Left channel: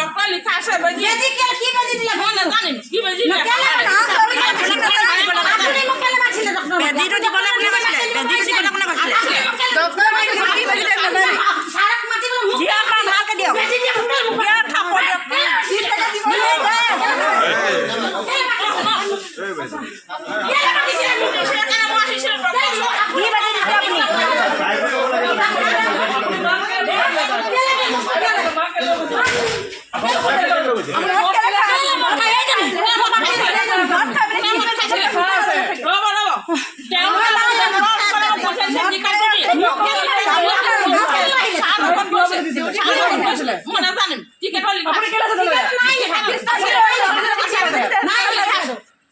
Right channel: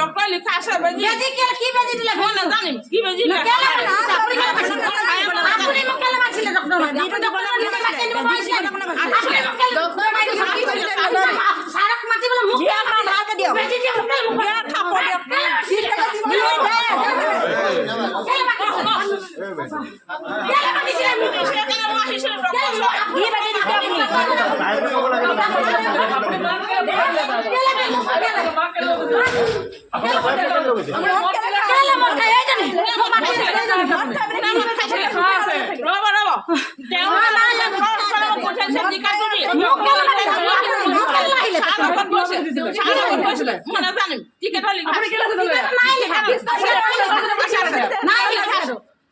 doctor লিখা আছে বেজি কি বেজি দিলে মই নাজানিম কি বেজি দিলে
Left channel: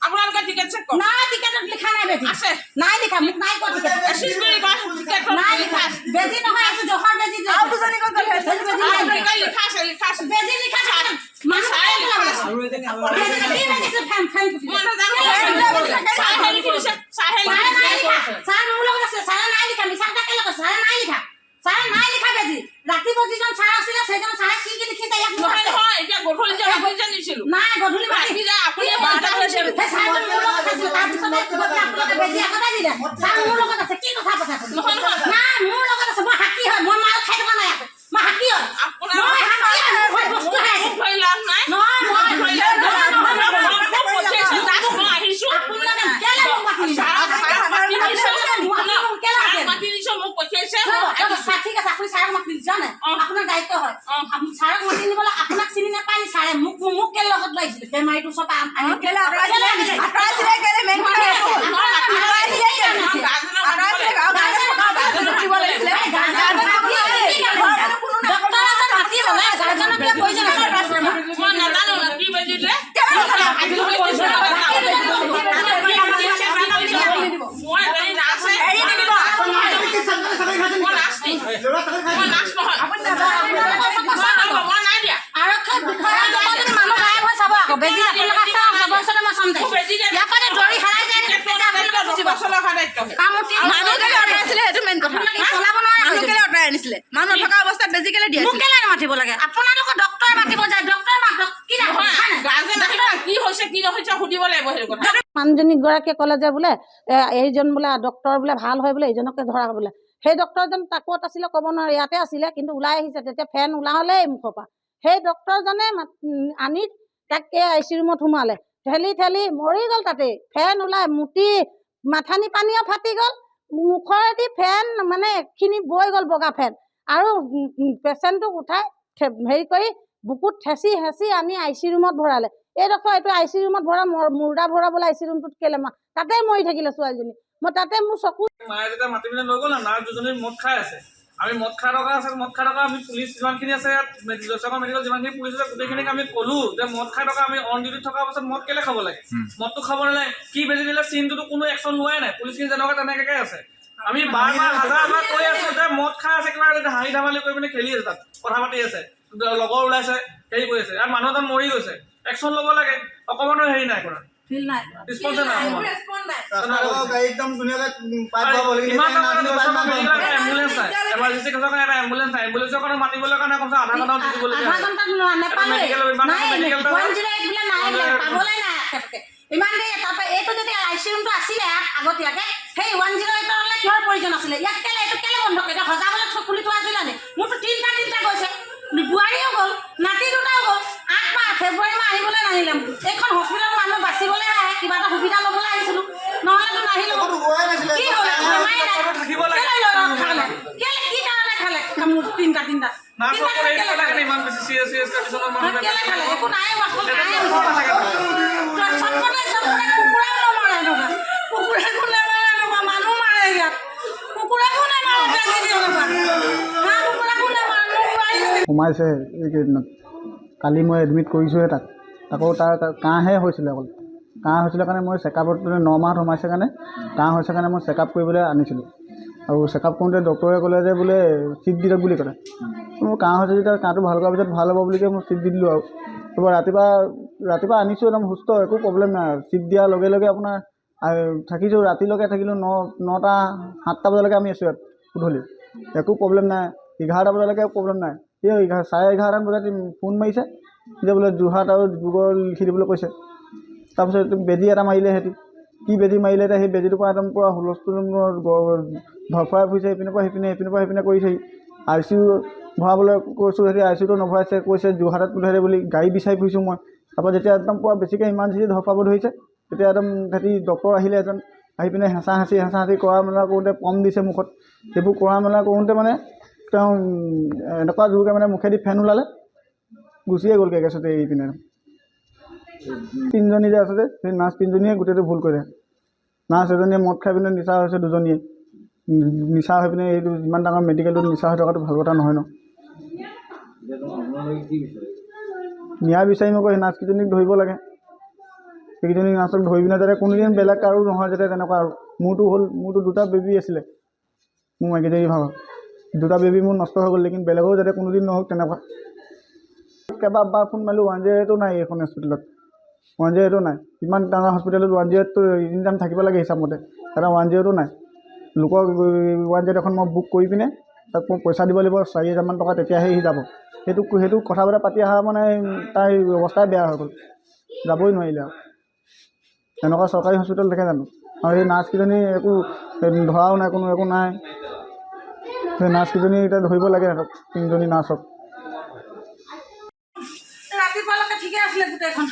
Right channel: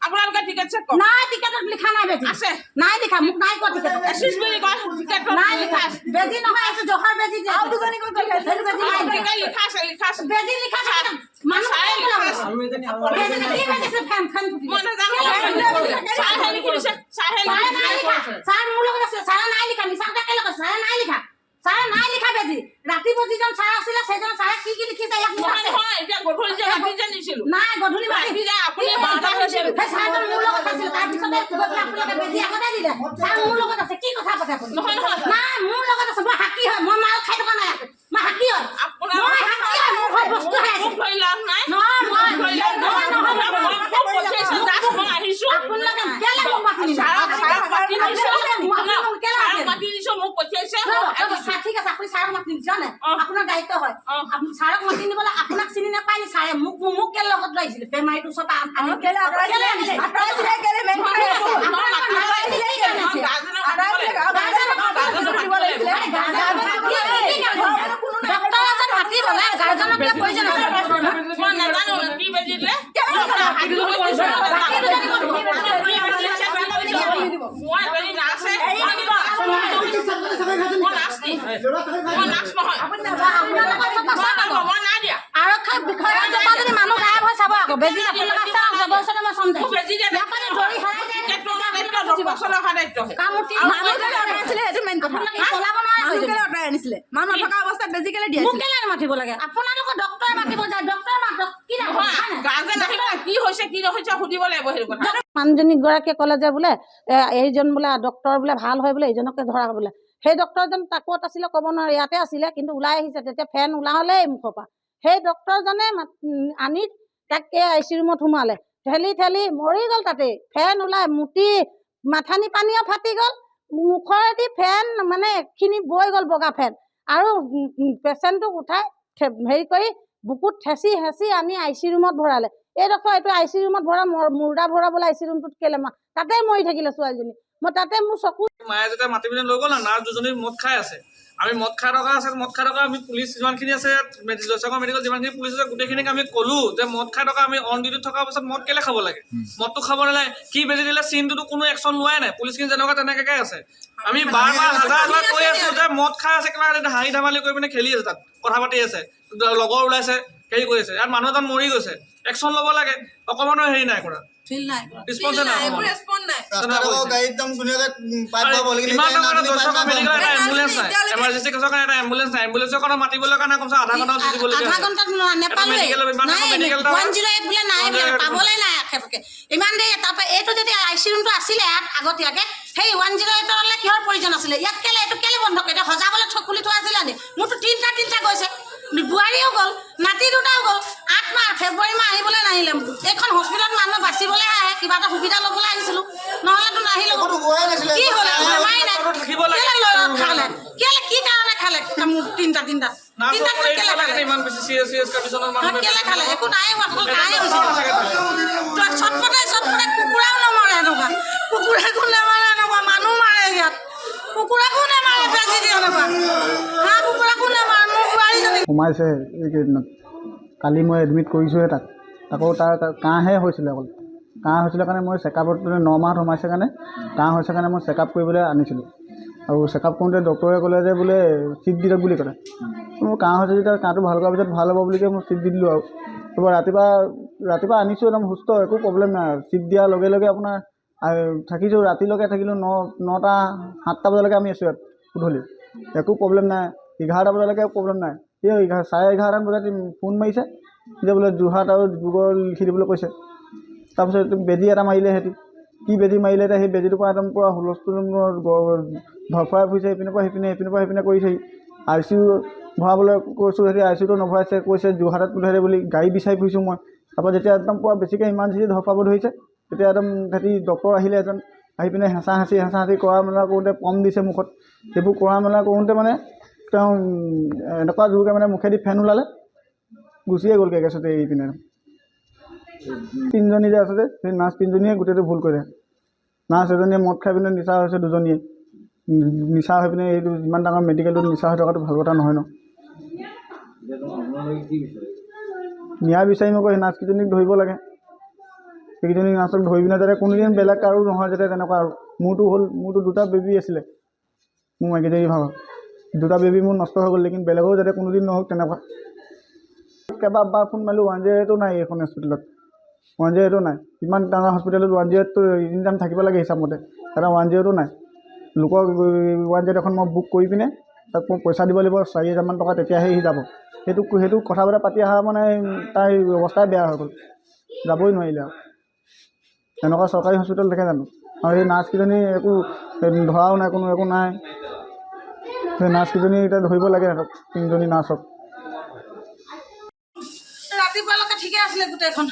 আপোনালোকে টিকেট চেক কৰক নাই টিকেটত লিখা নাই বেজি আছে নাই লিখা মোক নাই কোৱা টিকেট এসিসবেৰি কোৱা টিকেট নাই লিখা বেজি নহয় আছে জহৰ বেজি যে আৰু দুজনী কোন বেজি নাই লিখা আছে বেজি লিখা আছে মানুহ চাই লিখা আছে বেজি কি বেজি ফ্যান মই নাজানো চাই লিখিছে চাই মোৰ লগত আছে চাই নাই লিখা মিছাটা কে লগত চাই নাই লিখা বেজি ৰাতি বজিজন চাই আছিল সেইজন চাই কি লিখিছে ইয়াক নহয় এতিয়া গধুলি যে নিছিলো নাই গধুলি মাতি যা আপুনি বলতা হৈছে চাই মোৰ লগত আছে তাৰ পিছত আপোনালোকে বেজি আগতে দিলে চাই মোৰ লগত আছে কি কথা পাতে আপুনি নহয় নাই মোৰ লগত আছে মই হাকি হয় মই মাল খাই থকা নাই মই হাকি হয় মই হাকি হয় মই বস্তু খাই আছো ভয় লাভ নাই নহয় মই পইচা দাস মই আহিছো আপোনালোকে কেলে মোক মাতি দিছে মোক পইচা ঠিক আছে আপুনি ছাৰক মাতি জানে আপোনাৰ দায়িত্ব হয় ছাৰক মাতি নিবলৈ আপোনাক চিনি নাপায় নি ছাৰে মোক কেলে লগত লৈছিল বেমাৰীটো চব আনি কেলে মানুহজনী গৰাকীয়ে ক'লে যে বোলে এইজন বোলে ডক্টৰ বোলে ভাল হয় বোলে এইজনকে ধৰা বোলে সেই ডক্টৰজন ক'ত আছিলে ক'ব নোৱাৰে ইয়াতে আছিলে কিন্তু ওলাই আহিছে তেতিয়া ফেন ওলালে মুখৰ পৰা সেই ডক্টৰজনে আনি তাক আইচি ৰুমত সোমালে ঠেলি মৰি গ'ল তাতে ফেন ওলাই মুটি মাথানি পানীও ফাটি গ'ল মুখৰেদি ফেন মানে এখিনি বৈ গ'ল বগা ফেন আৰু পেচেণ্টটোক উঠাই হেৰি কৰি বুকুত হেঁচি আনি আইচি ৰুমত ভৰালে এইডোখৰ এইটো আইচি ৰুমত ভৰা মুৰ্দা ভৰাবলৈ আইচি ৰুমটোত কেলে তাতে মৰি থাকিলে ছোৱালীজনী মই তাতে মোৰ চকু মায়ে যেতিয়া মাতি পিনে লৈ গ'ল না নাৰ্ছ দুজনী মদ খাই আছে আমি মদ খাই থকা আমি পুলিচ যিমানখিনি আছে জয়সাগৰ মেডিকেল যিমানখিনি পুলিচ আছে গোটেইখিনিক আমি ক'লো যে মদ খাই থকা আমি অন ডিউটিত থকা পাছত মদ কেলে খাব লাগে মদটো খাব নালাগে কি বেজি দিলে চিনটোতো কোনো একশ্যন লোৱাই নাই পুলিচখিনি যেনেকুৱা তেনেকৈ আছে আমি বাৰ হাজাৰ কৈ আছো যে মদ খাই আছে কিবা হাঁহি ধেমালি কৰি পিনে খেলি আছে তাত কথা পাতি আছে লগৰ ওলাইছে হেৰি কৰি আছে ইয়াত মানুহ এজন মৰি গৈছে একশ্যন ল'ব লাগে অকণমানো হেৰি নাই কৰা ইমান দেৰি তাৰপৰা এইটো যদি আইচি ৰুমটো আছিলে আগতীয়াকে সেই 108 কিহৰ প্ৰয়োজন আছিলে ইয়াক কেলে এইটো কেলে বন্ধ কৰি এতিয়া সজাবলৈ খুলি থোৱা আছিলে নি মোৰতো তিনিটা গৈছে বোৱাৰীও গ'ল নাতি দুটাও গ'ল 8 মাহ ফেব্ৰুৱাৰী মাহ আহিবলৈ নাহিলে এইখন হস্পিটেলত মানুহ বাচিবলৈ আহে কিবা এটা সুবিধা ল'বলৈ আহিছিলোঁ নহ'লেতো নাহিলোঁ কি খালে কি কাৰণে খালে মোক তিনিটা খালে একো নাই চটপটাই কুকুৰাও নমৰে এনেকুৱা কুকুৰাকো নেমাৰে এনেকুৱা মানুহ মাৰে ইয়াত কুকুৰাকো নেমাৰে বেজি দিয়ে এনেকুৱা হাঁহ কুকুৰাকো নেমাৰে মোৰ বোৱাৰীজনী সোমাইছে এইকেইদিনত কালি মই এডমিট কৰিছোঁহে তাকো তাৰ কাহহে হৈছিলে অকল কাহ হৈছিলে কাৰণে মই চেকআপত 9 মাহত সোমাইছে কাৰণে কাহ হৈছে কাৰণে মই চেকআপ কৰিবলৈ আনিছিলোঁ আৰু চেকআপ কৰোঁতে ডক্টৰে ক'লে যে বোলে চিট দি দিয়ক বুলি ক'লে মোৰ কাহ হৈছে যেতিয়া কাহটো ভাল কৰাৰ পিছত ভাল হ'ব বুলি কৈ মই চিট দি দিলোঁ আৰু ৰাতিপুৱা আনিছোঁ একদম সুস্থ একো প্ৰব্লেম নাই চিট দিয়াৰ লগে লগে আপোনাৰ থাকিছোঁ ৰাতিলৈকে থাকিলোঁ 9টা 7টা বজালৈকে আমি আছোঁ ইয়াত গধূলি একো প্ৰব্লেম নাই 11টা বজালৈকে প্ৰব্লেম নাই এই 11:30 বজাত ফোন মাৰিছে যে বোলে যোৰহাট আৰু ডিব্ৰুগড় লিখি দিবলৈ কৈছে তাৰপিছত বেজী এটা মাৰিলে সিহঁতি কি বেজী মাৰিলে এতিয়া সেই বেজীটোৰ পৰা একদম পূৰা হুলস্থুল ধৰফৰাই ফুৰিছে সেইপিনে কৰিছেহি ICU ভৰাবলৈ কৈছোঁ সিহঁতি ICUটো নভৰাইছে কৈছে যোৰহাটত পঠিয়াই বুলি গাড়ী বিচাৰি ফুৰিছোঁ মই তাৰপৰা যেতিয়া একদম পূৰা বেছিকৈ ইমাৰ্জেঞ্চি ধৰফৰাব ধৰিছে তেতিয়া একদম সিহঁতি ডক্তৰ আহিলে এজন আহি পিনে হেঁচা হাঁচি কৰা মেলা কৰোঁতে পম দিছে মুখত সেইবোৰ কৰা মেলা কৰোঁতে মানে তেওঁ এনেকুৱা জোৰকৈ মানে মুখেদি ফেন ওলালে গুচিয়ে গ'লগৈ গেছতে এৰি পিনে 3জনী যে আছে যে সেই নাৰ্ছ 3জনীয়ে গোটেইটো ভুল কৰিলে নাৰ্ছ এজনীয়ে মদ খাই পিনে নিচা হৈছে 2জনীয়ে নিচা হৈ পিনে এইটো যিমান ডাঙৰ মেডিকেলটোত নিচা হৈ থকাটো ভাল কথা নহয় ন ন্যায় বিচাৰিম আকৌ সেই নাৰ্ছকেইজনীক ধৰিব লাগে সেইকেইজনী নাৰ্ছক ধৰি পিনে যাতে কোনোদিন বেলেগ কাৰো নহয় যাতে তেনেকুৱা আৰু মোৰতো 2টা বেবী আছিলে মোৰ মাইকীজনী ভাগৰ 2টা বেবী মোৰ নষ্ট হৈ গ'ল লেকিন বেলেগেও যাতে কোনোদিন নহওক তেনেকুৱা কেইবাবাৰ ফোন মাৰিলোঁ 108টো নাই এইখন হস্পিটেলত 108টো নাই ইমান ডাঙৰ হস্পিটেলত 108টো এনি টাইম থাকিব লাগে হিচাপমতে এটা 108টো নাই লোকৰ 108 এখন মই বুক কৰি পিনে তাক মই পইচা দিব লাগিব 4,000 টকা তেতিয়াহে সি যাব সেইটো কথা বতৰা পাতি অহা মানে তাৰ অৱস্থাই বেয়া হৈ গ'ল যাবই নোৱাৰিলে আৰু এনেকুৱা চৰকাৰী হস্পিটেল দেখে জানো আৰু সেই নাৰ্ছকেইজনী একো ধৰাও নাই কোনো একো নাই সেই নাৰ্ছকেইজনী এতিয়া ধৰিব লাগে সিহঁতক 3জনী নাৰ্ছক ৰাতিপুৱালৈকে ঠিকে আছিলে গোটেইখন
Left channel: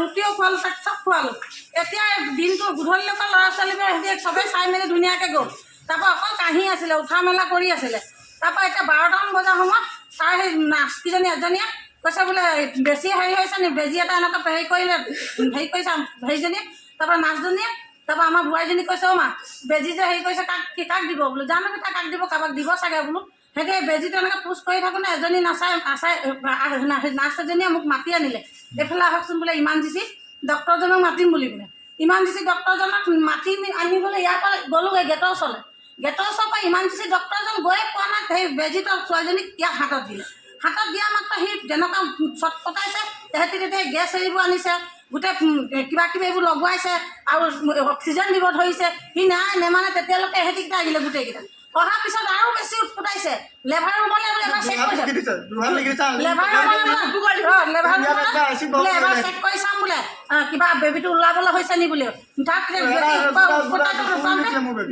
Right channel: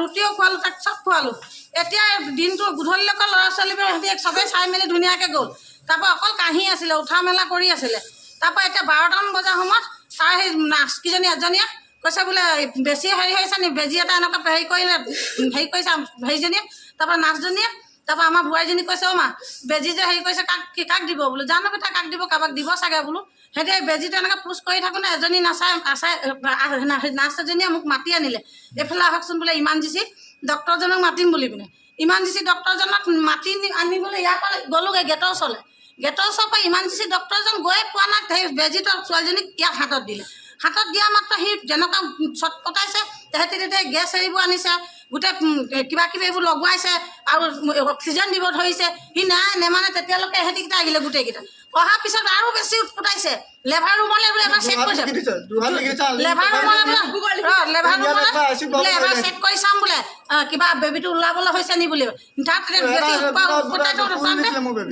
ৰুটিও খোৱালোঁ তাক চব খোৱালোঁ এতিয়া দিনটো গধূলিলৈকে ল'ৰা ছোৱালীবোৰে সিহঁতি চবেই চাই মেলি ধুনীয়াকৈ গ'ল তাৰপৰা অকল কাঁহি আছিলে উঠা মেলা কৰি আছিলে তাৰপৰা এতিয়া 12টামান বজাৰ সময়ত তাৰ সেই নাৰ্ছকেইজনী এজনীয়ে কৈছে বোলে বেছি হেৰি হৈছে নি বেজী এটা এনেকুৱা হেৰি কৰিছে হেৰিজনীয়ে তাৰপৰা নাৰ্ছজনীয়ে তাৰপৰা আমাৰ বোৱাৰীজনী কৈছে মা বেজী যে হেৰি কৰিছে কাক দিব বোলো জানো বেটা কাক দিব কাৰোবাক দিব চাগে বোলো সিহঁতে বেজীটো এনেকৈ পোচ কৰি থাকোঁতে এজনী নাৰ্ছ এজনীয়ে মোক মাতি আনিলে এইফালে আহকচোন বোলে ইমাৰ্জেঞ্চি ডক্টৰজনক মাতিম বুলি পিনে ইমাৰ্জেঞ্চি ডক্টৰজনক মাতি আনিবলৈ ইয়াৰ পৰা গ'লোগৈ গেটৰ ওচৰৰ পৰা ইমাৰ্জেঞ্চি ডক্টৰজন গৈ পোৱা নাই সেই বেজীটো ছোৱালীজনীক ইয়াক হাতত দিলে হাতত দিয়া মাত্ৰ সি যেনেকুৱা চট পটাইছে তেহেঁতি তেতিয়া গেছ এৰিব আনিছে গোটেই কিবা কিবি এইবোৰ লগোৱাইছে আৰু অক্সিজেন দিব ধৰিছে সি নেমানে তেতিয়ালৈকে এহেঁতিকেইটা আহিলে গোটেইকেইটা অহাৰ পিছত আৰু বেছি উৎপটাইছে লেভাৰ ৰুমলৈ বোলে এবাৰ চেক কৰিছে লেভাৰ ৰুমলৈ এবাৰ চেক কৰি চাম বোলে কিবা বেবীটো ওলাবলৈ হৈছে নি বুলি তাত বেছি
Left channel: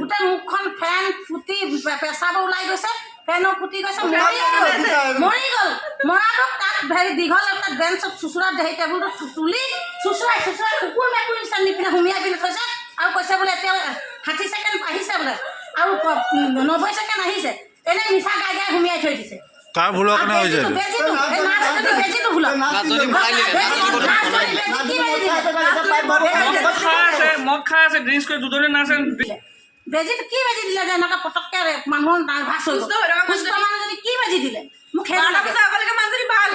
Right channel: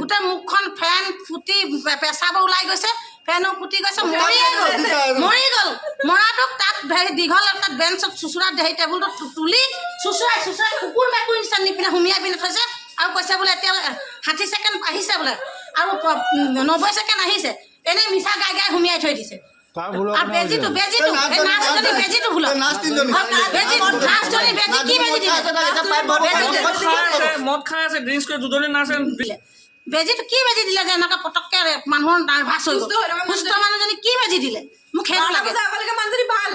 গোটেই মুখখন ফেন ফুটি পেচাব ওলাই গৈছে ফেনো ফুটি গৈছে মৰি গ'ল মৰাটোক তাত হেৰি দীঘল এটা বেঞ্চত চুচুৰা হেৰি টেবুলটো তুলি চুচুৰাই কুকুৰ মেকুৰী নিচিনা নি পিনে সুমিয়াই পিনে থৈছে আৰু কৈছে বোলে এতিয়া 60 ছেকেণ্ড আহিছে বোলে আৰু 90 ছেকেণ্ড আহিছে এনেই মিছা গাই সুমিয়াই থৈ দিছে কাৰ ভুলৰ কাৰণে হৈছে বেজীটো ভুল মদ খাই আছে ড্ৰিংকছ কৰি 2জনী নাৰ্ছে বেজীটো কি বেজী দিলে যে এনেকুৱা পটককৈ মানুহৰ নাৰ্ভাছ হৈ গ'ল সুস্থ মানুহজনী কি বেজী দিলে মোক সেইটো লাগে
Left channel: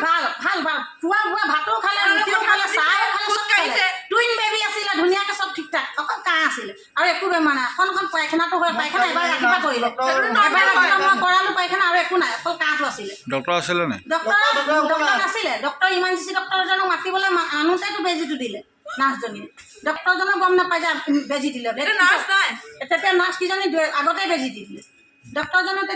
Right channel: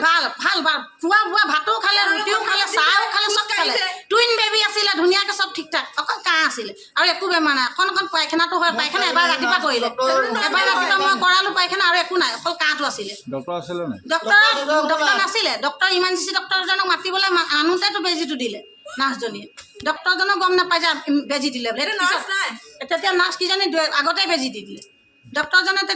ভাল খোৱা বোৱা ভাতো খালে ৰুটিও খালে চাহো খালে চব খালে টুইন বেবী আছিলে ধুনীয়াকৈ চব ঠিক ঠাক অকল কাহ আছিলে আৰু একো বেমাৰ নাই অকণ পায়খানাটো হয় পায়খানা এবাৰ ৰাতিপুৱা কৰিলে এবাৰ ৰাতিপুৱা মই কৰালোঁ পায়খানা আৰু একো নাই অকল কাহটো আছিলে ডক্টৰ আছিলে নাই ডক্টৰ নাছিলে ডক্টৰ ইমাৰ্জেঞ্চি ডক্টৰজনক মাতিবলৈ আনোতেতো বেজীটো দিলে নাৰ্ছজনীয়ে ডক্টৰজনো গম নাপায় যে বেজী দিলে তেতিয়া নাৰ্ছকেইজনী আগতে বেজী দি দিলে ডক্টৰজনে